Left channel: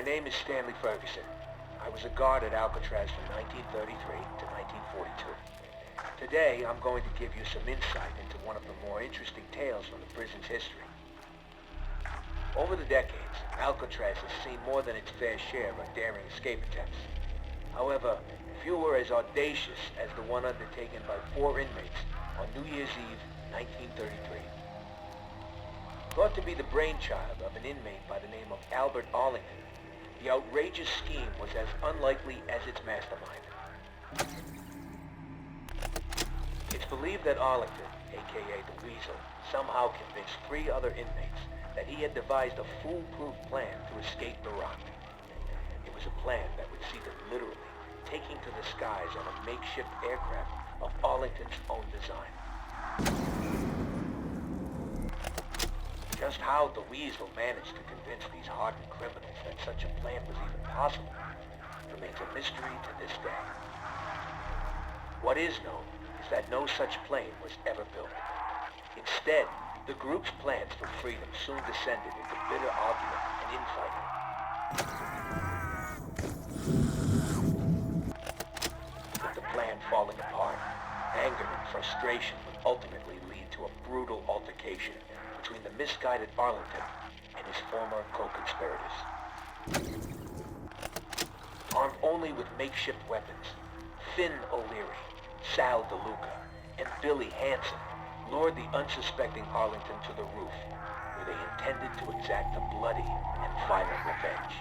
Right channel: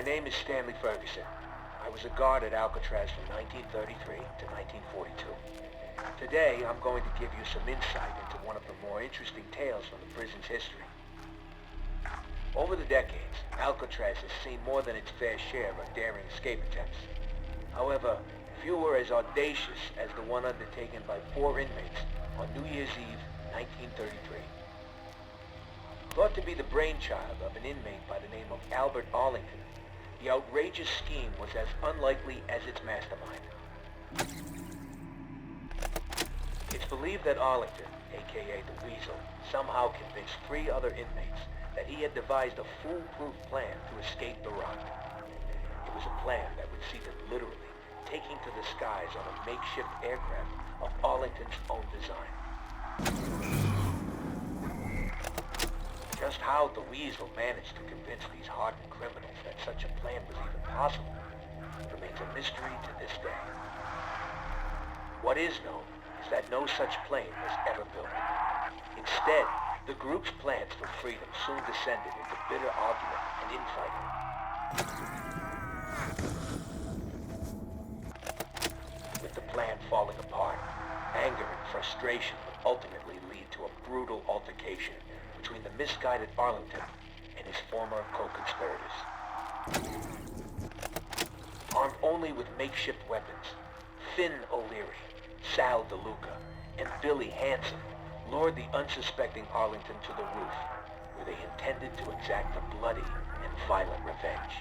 My name is Stanley Ferguson. I was a guard at Alcatraz from 1933 to 1942. Today, I'm going to give you some insight into one of the more interesting tales from the prison's history. Over the decades, Alcatraz has seen more than its fair share of daring escape attempts. However, few were as audacious as the one undertaken by 4 inmates on New Year's Eve, 1933. Thought to be the brainchild of an inmate by the name of Albert Arlington, the outrageous scheme was as unlikely as its mastermind. It's believed that Arlington, aka the Weasel, somehow convinced 3 other inmates that he had devised a foolproof plan to escape the rock. It was a plan that would see them literally taking to the skies on a makeshift aircraft of Arlington's own design. Just how the Weasel managed to convince these hardened criminals that such a plan was even possible remains a mystery to this day. What is known is that no such plane was ever built. Instead, the group's plans for freedom soon descended into bitter argument and infighting. With the plan falling apart, anger and frustration would ultimately lead to a brutal altercation between the misguided Arlington and his former co-conspirators. Armed only with makeshift weapons, Finn O'Leary, Sal DeLuca, and Billy Hansen lured the unsuspecting Arlington to the roof, where they intended to exact a bloody and violent revenge.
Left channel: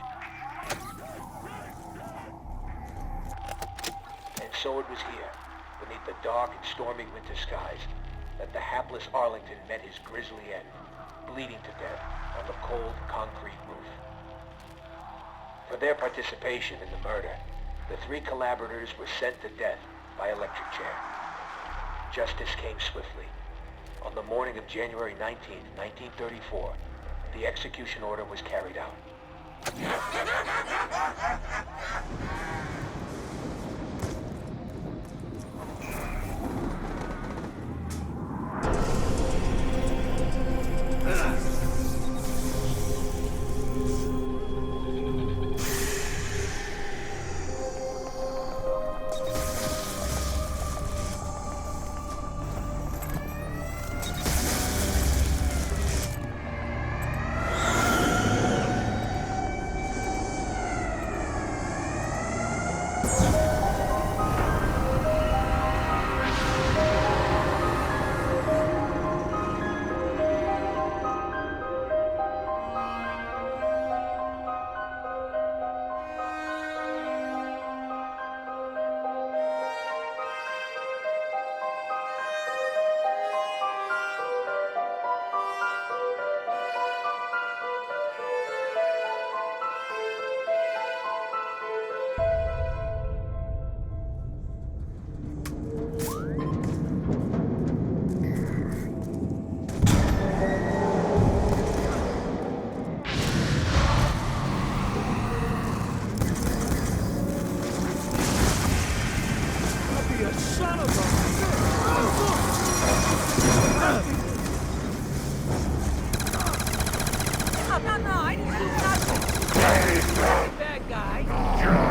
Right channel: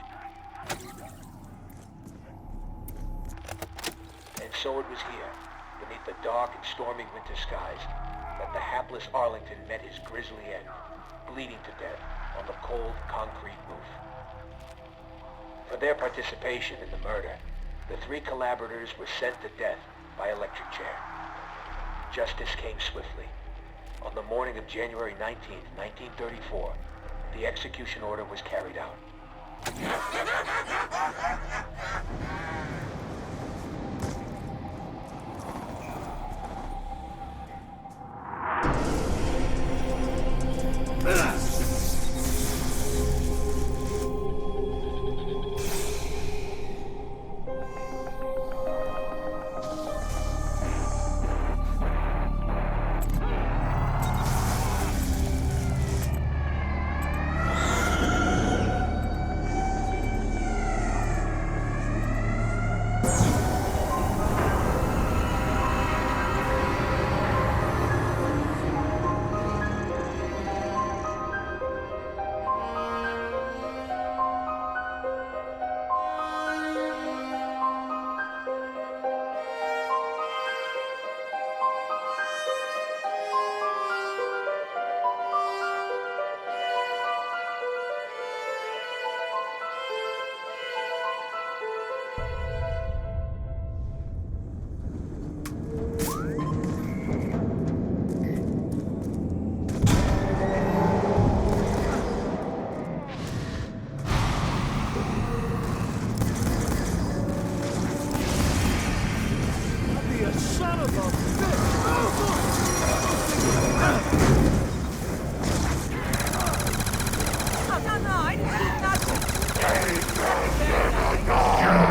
And so it was here, beneath the dark and stormy winter skies, that the hapless Arlington met his grisly end, bleeding to death on the cold concrete roof. For their participation in the murder, the 3 collaborators were sent to death by electric chair. Justice came swiftly. On the morning of January 19, 1934, the execution order was carried out. Son of a bitch! No, I didn't do nothing! Bad guy!